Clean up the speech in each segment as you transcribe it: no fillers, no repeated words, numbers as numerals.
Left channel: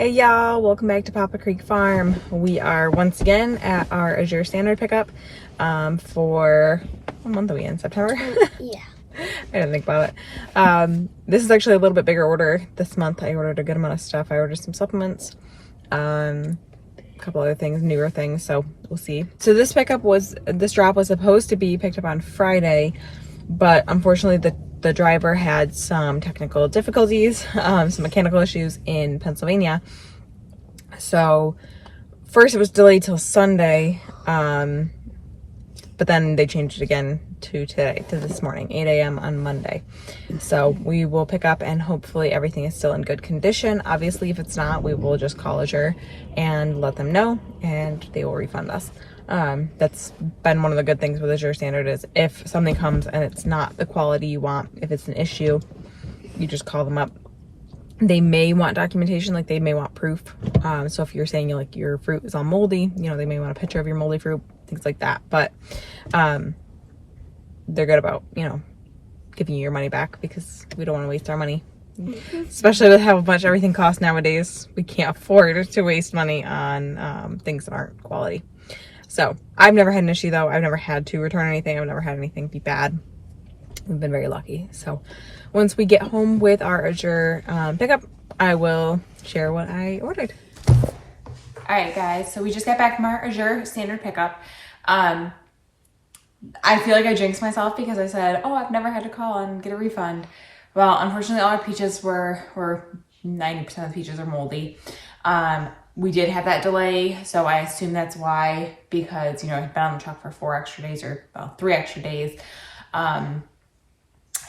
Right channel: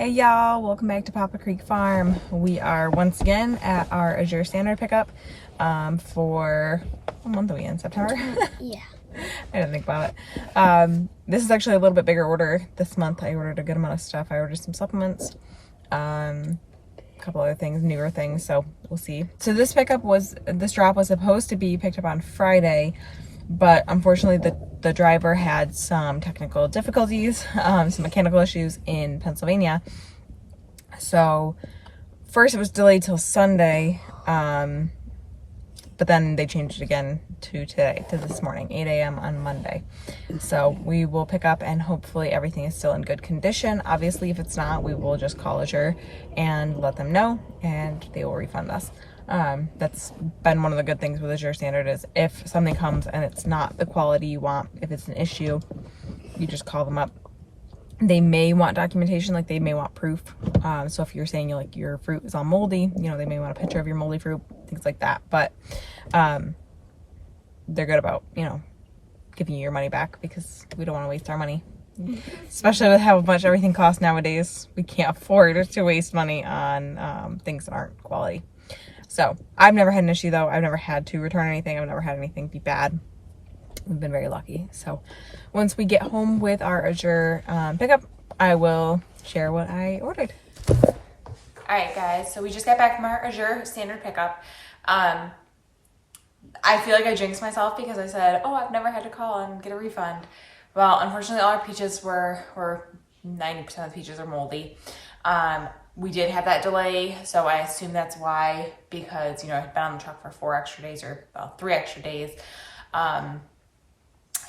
Hey y'all, welcome back to Papa Creek Farm. We are once again at our Azure Standard pickup for, what month are we in? September? Yeah. I didn't think about it. This is actually a little bit bigger order this month. I ordered a good amount of stuff. I ordered some supplements, a couple other things, newer things, so we'll see. So this drop was supposed to be picked up on Friday, but unfortunately the driver had some technical difficulties, some mechanical issues in Pennsylvania. So first it was delayed till Sunday, but then they changed it again to today, to this morning, 8 a.m. on Monday. So we will pick up and hopefully everything is still in good condition. Obviously, if it's not, we will just call Azure and let them know and they will refund us. That's been one of the good things with Azure Standard is if something comes and it's not the quality you want, if it's an issue, you just call them up. They may want documentation, like they may want proof. So if you're saying your fruit is all moldy, they may want a picture of your moldy fruit, things like that. But they're good about, giving you your money back because we don't want to waste our money. Especially with how much everything costs nowadays. We can't afford to waste money on things that aren't quality. So I've never had an issue though. I've never had to return anything. I've never had anything be bad. We've been very lucky. So once we get home with our Azure pickup, I will share what I ordered. All right, guys. So we just got back from our Azure Standard pickup. I feel like I jinxed myself because I said, oh, I've never had to call and get a refund. Well, unfortunately, all our peaches were 90% of the peaches are moldy. We did have that delay, so I assume that's why, because, I've been on the truck for 3 extra days. And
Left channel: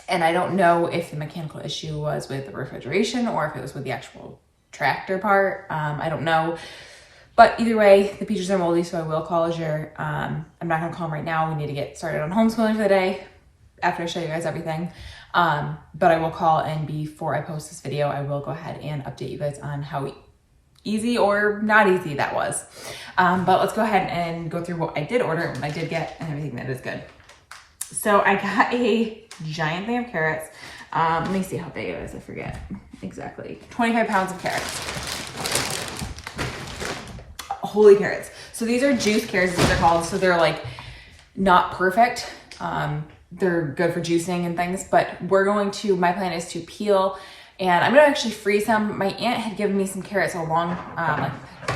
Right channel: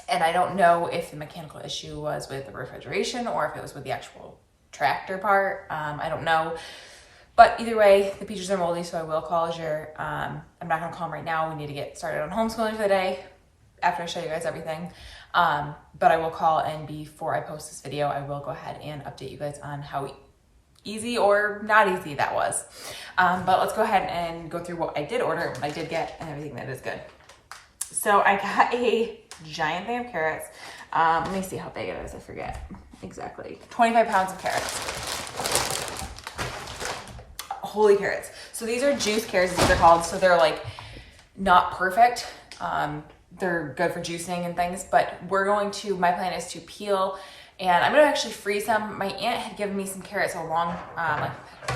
I don't know if the mechanical issue was with the refrigeration or if it was with the actual tractor part. I don't know. But either way, the peaches are moldy, so I will call Azure. I'm not going to call them right now. We need to get started on homeschooling for the day after I show you guys everything. But I will call, and before I post this video, I will go ahead and update you guys on how easy or not easy that was. But let's go ahead and go through what I did order and what I did get and everything that is good. So I got a giant thing of carrots. Let me see how big it is. I forget exactly. 25 pounds of carrots. Holy carrots. So these are juice carrots, as they're called. So they're like not perfect. They're good for juicing and things, but my plan is to peel, and I'm gonna actually freeze them. My aunt had given me some carrots like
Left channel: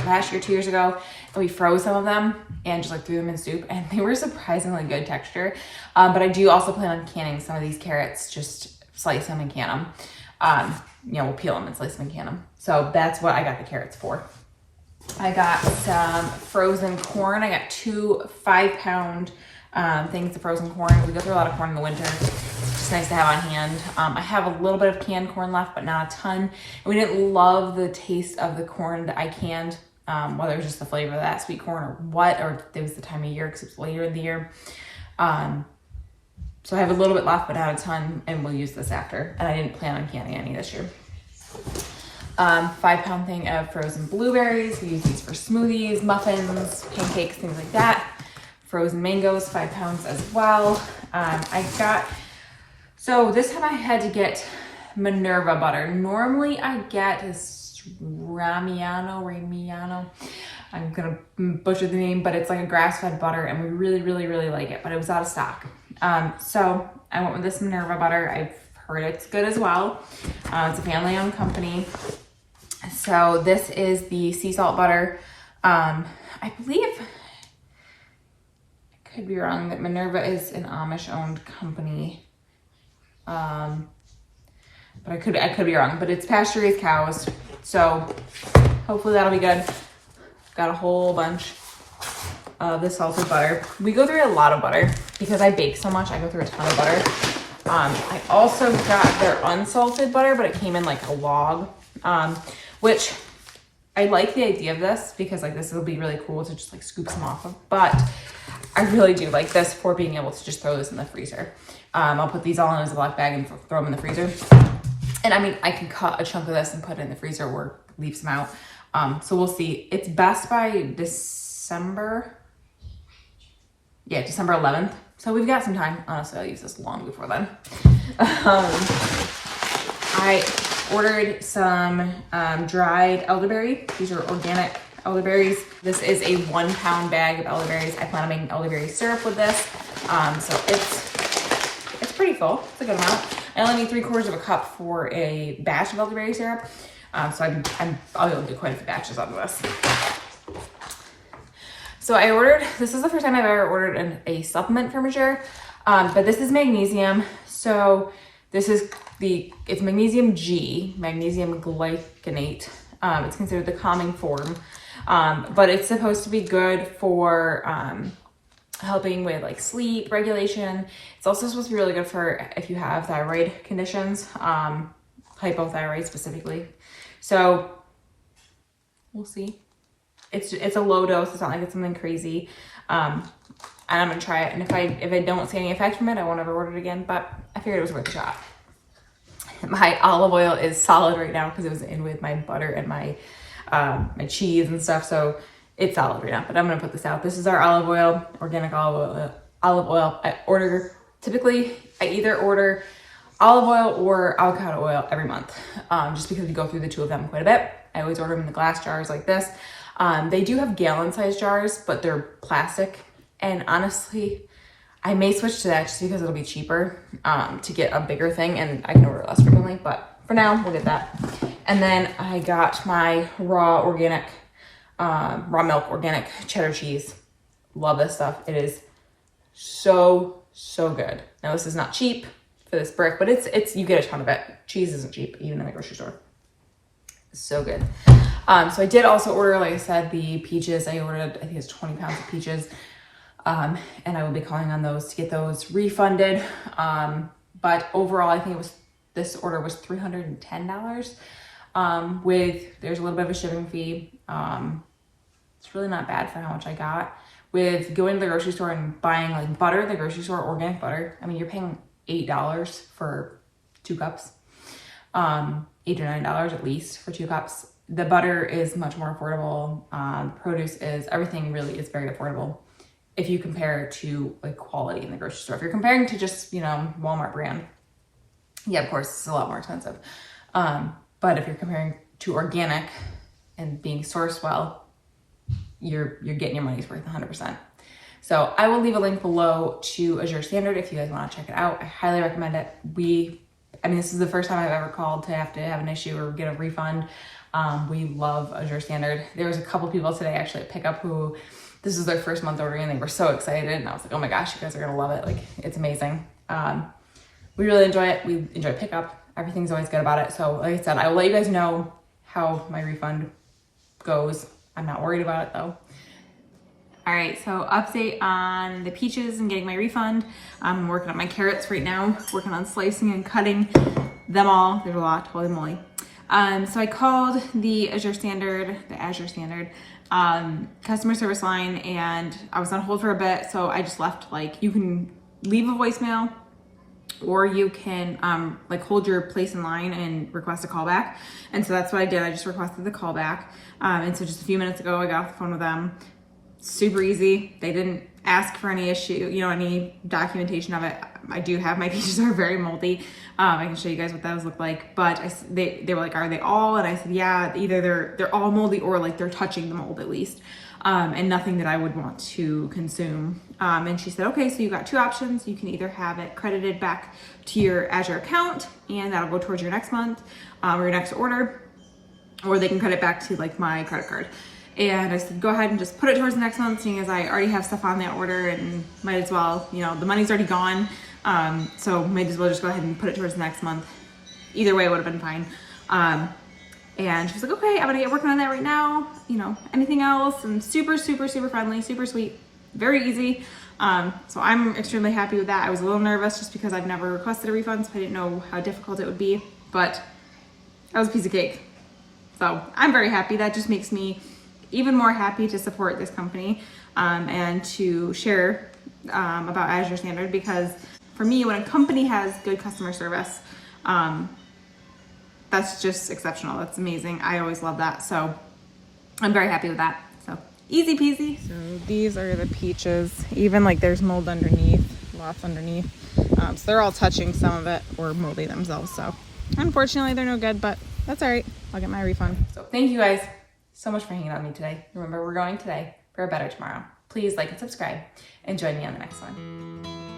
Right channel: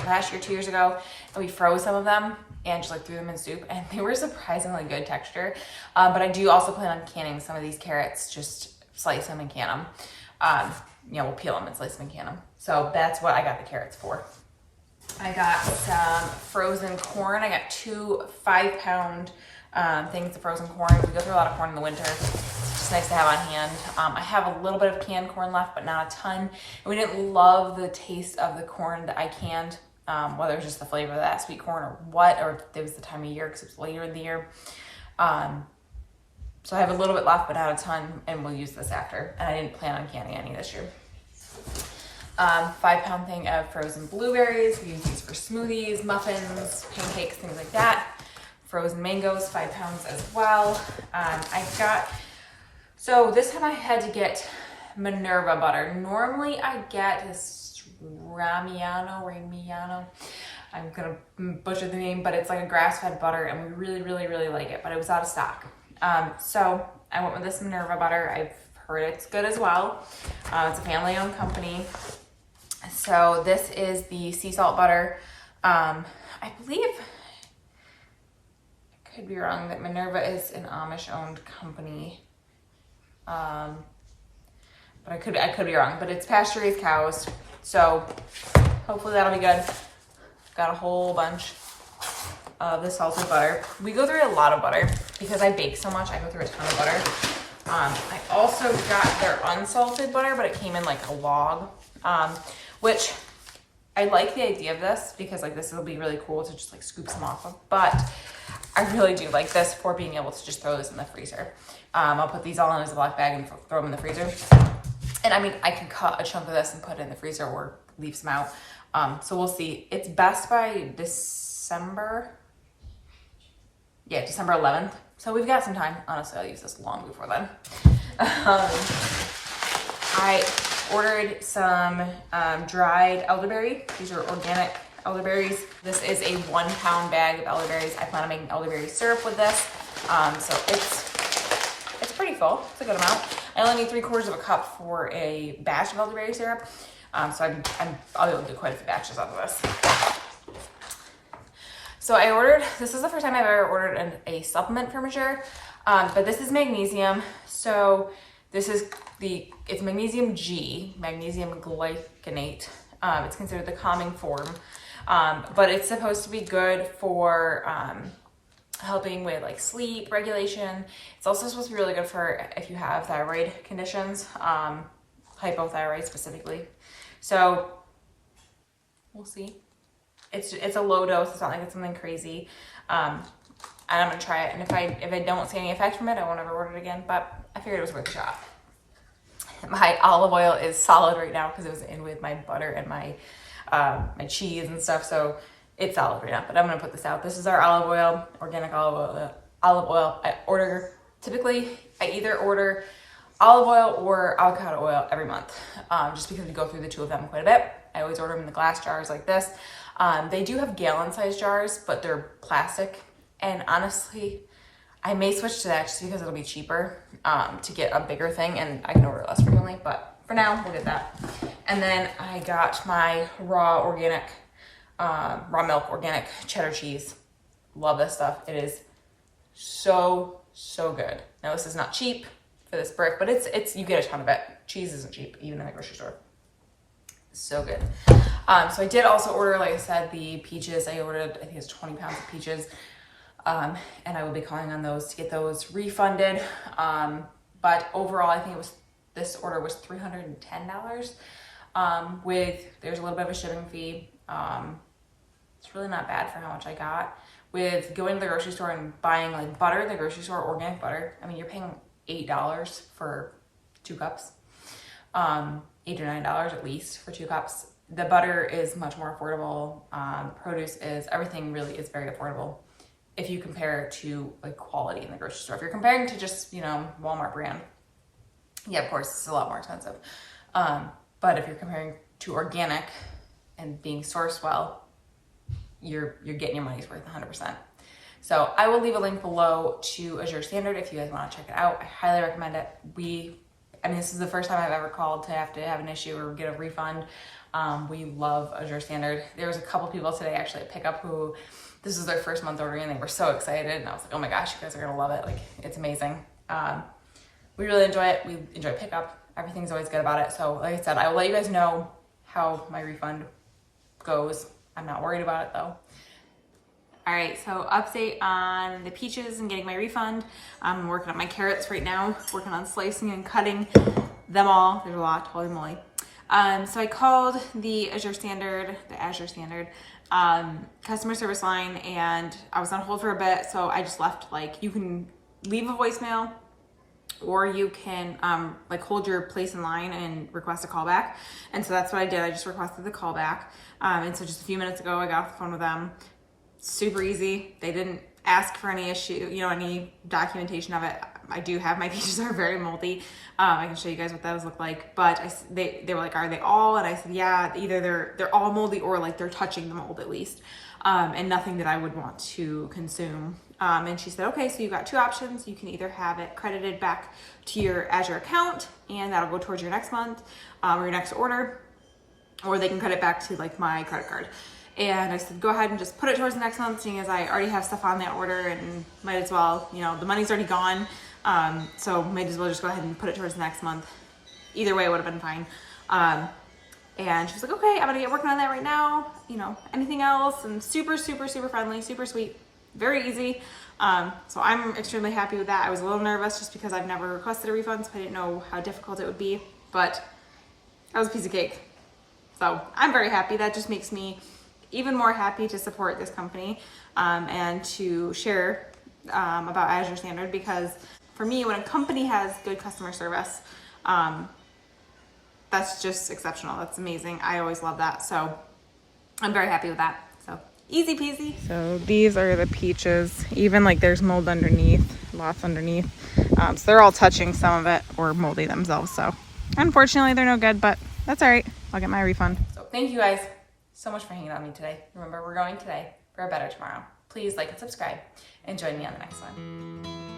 last year, 2 years ago, and we froze some of them and just threw them in soup, and they were surprisingly good texture. But I do also plan on canning some of these carrots, just slice them and can them. We'll peel them and slice them and can them. So that's what I got the carrots for. I got some frozen corn. I got 2 5-pound things of frozen corn. We go through a lot of corn in the winter. It's nice to have on hand. I have a little bit of canned corn left, but not a ton. And we didn't love the taste of the corn that I canned, whether it was just the flavor of that sweet corn or what, or it was the time of year because it's later in the year. So I have a little bit left, but not a ton, and we'll use this after. And I didn't plan on canning any this year. 5-pound thing of frozen blueberries. We use these for smoothies, muffins, pancakes, things like that. Frozen mangoes, 5 pounds as well. So this time I had to get Minerva butter. Normally I get this Ramiano. I'm gonna butcher the name, but it's like a grass-fed butter, and we really, really, really like it, but it was out of stock. So I went with this Minerva butter. I've heard it's good as well. It's a family-owned company. So this is the sea salt butter. I believe, I could be wrong, that Minerva is an Amish-owned company. But I could be wrong, but it's pasture-raised cows. So hopefully that'll be good. Got a whole bunch of this salted butter. We go through a lot of butter because I bake so much. I go through a ton of butter. I also got their unsalted butter, but it came in like a log, which I like the idea of this because this will be really cool to just scoop some off of, but I really do like this for being able to just throw this in the freezer. I'll put these all in a Ziploc bag and throw them in the freezer. And I can cut a chunk of this and put it in the freezer or leave some out. So we'll see. It's best by December 11th. So we've got some time. Honestly, I'll use this long before then. I Ordered some dried elderberry. These are organic elderberries. This is a 1 pound bag of elderberries. I plan on making elderberry syrup with this. So it's pretty full. It's a good amount. I only need 3/4 of a cup for a batch of elderberry syrup. So I'll be able to do quite a few batches out of this. So I ordered, this is the first time I've ever ordered a supplement from Azure, but this is magnesium. So this is it's magnesium G, magnesium glycinate. It's considered the calming form, but it's supposed to be good for helping with like sleep regulation. It's also supposed to be really good for if you have thyroid conditions, hypothyroid specifically. So we'll see. It's a low dose. It's not like it's something crazy. And I'm gonna try it. And if I don't see any effect from it, I won't ever order it again. But I figured it was worth a shot. My olive oil is solid right now because it was in with my butter and my cheese and stuff. So it's solid right now. But I'm gonna put this out. This is our olive oil, organic olive oil. Typically I either order olive oil or avocado oil every month, just because we go through the two of them quite a bit. I always order them in the glass jars like this. They do have gallon-sized jars, but they're plastic. And honestly, I may switch to that just because it'll be cheaper to get a bigger thing, and I can order less frequently. But for now, we'll get that. And then I got my raw milk organic cheddar cheese. Love this stuff. It is so good. Now this is not cheap for this brick, but it's you get a ton of it. Cheese isn't cheap, even in the grocery store. So good. So I did also order, like I said, the peaches. I ordered, I think it's 20 pounds of peaches. And I will be calling on those to get those refunded. But overall, I think this order was $310. There's a little bit of a shipping fee. It's really not bad for how much I got. With going to the grocery store and buying like butter in the grocery store, organic butter, I mean, you're paying $8 for 2 cups. $8 or $9 at least for 2 cups. The butter is much more affordable. Produce everything really is very affordable if you compare it to like quality in the grocery store. If you're comparing to just, Walmart brand, yeah, of course, it's a lot more expensive. But if you're comparing to organic and being sourced well, you're getting your money's worth 100%. So I will leave a link below to Azure Standard if you guys want to check it out. I highly recommend it. This is the first time I've ever called to have an issue or get a refund. We love Azure Standard. There was a couple people today actually at pickup who this is their first month ordering and they were so excited. And I was like, oh my gosh, you guys are gonna love it. Like, it's amazing. We really enjoy it. We enjoy pickup. Everything's always good about it. So like I said, I will let you guys know how my refund goes. I'm not worried about it though. All right, so update on the peaches and getting my refund. I'm working on my carrots right now, working on slicing and cutting them all. There's a lot, holy moly. So I called the Azure Standard customer service line, and I was on hold for a bit. So I just left, you can leave a voicemail or you can hold your place in line and request a callback. And so that's what I did. I just requested the callback. And so just a few minutes ago, I got off the phone with them. Super easy. They didn't ask for any any documentation of it. I do have, my peaches are very moldy. I can show you guys what those look like, but they were like, are they all? And I said, yeah, either they're all moldy or they're touching the mold at least. And nothing that I would want to consume. And she said, okay, so you've got 2 options. You can either have it credited back to your Azure account and that'll go towards your next month or your next order, or they can credit back to my credit card. And I said, go ahead and just put it towards the next month, seeing as I already have stuff on that order and might as well, the money's already gone. So might as well just go ahead and put it towards the next month. Either way, it would have been fine. And she was like, okay, I'm gonna get working on that right now. Anything else? And super, super, super friendly, super sweet, very easy. So I'm extremely happy with that. I was a little nervous just because I've never requested a refund, so I didn't know how difficult it would be, but that was a piece of cake. So I'm very happy. That just makes me even more happy to support this company and to share about Azure Standard, because for me, when a company has good customer service, that's just exceptional. That's amazing. I always love that. So I'm very happy with that. So easy peasy. So these are the peaches. Even there's mold underneath, lots underneath. So they're all touching some of it or moldy themselves. So Unfortunately, they're no good, but that's all right. I'll get my refund. So thank you guys so much for hanging out with me today. Remember, we're going today for a better tomorrow. Please like and subscribe and join me on the next one.